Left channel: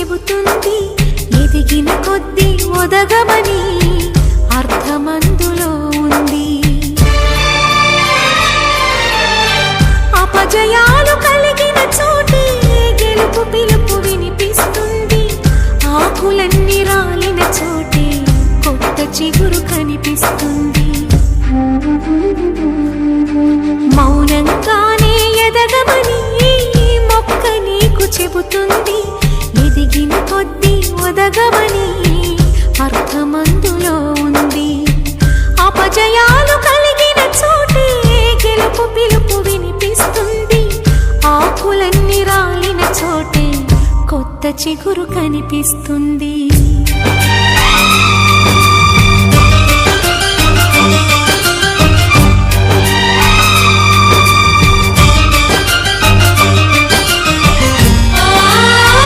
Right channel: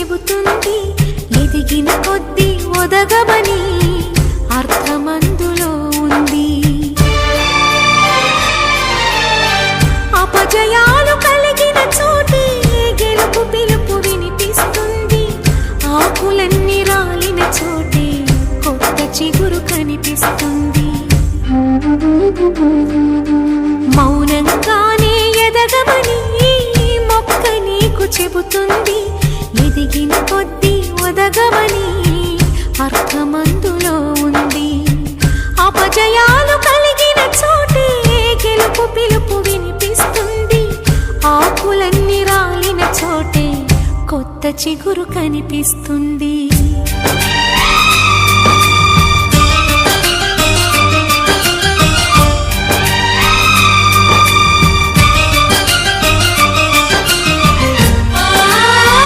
చెబుతుంది, ఎదిగిన కొద్దీ ఒదగమని అర్థమందులో ఉంది. అపజయాలు కలిగిన చోటే గెలుపు పిలుపు వినిపిస్తుంది, ఆకులన్నీ రాలిన చోటే కొత్త చిగురు కనిపిస్తుంది. మౌనంగానే ఎదగమని మొక్క నీకు చెబుతుంది, ఎదిగిన కొద్దీ ఒదగమని అర్థమందులో ఉంది. అపజయాలు కలిగిన చోటే గెలుపు పిలుపు వినిపిస్తుంది, ఆకులన్నీ రాలిన చోటే కొత్త చిగురు కనిపిస్తుంది.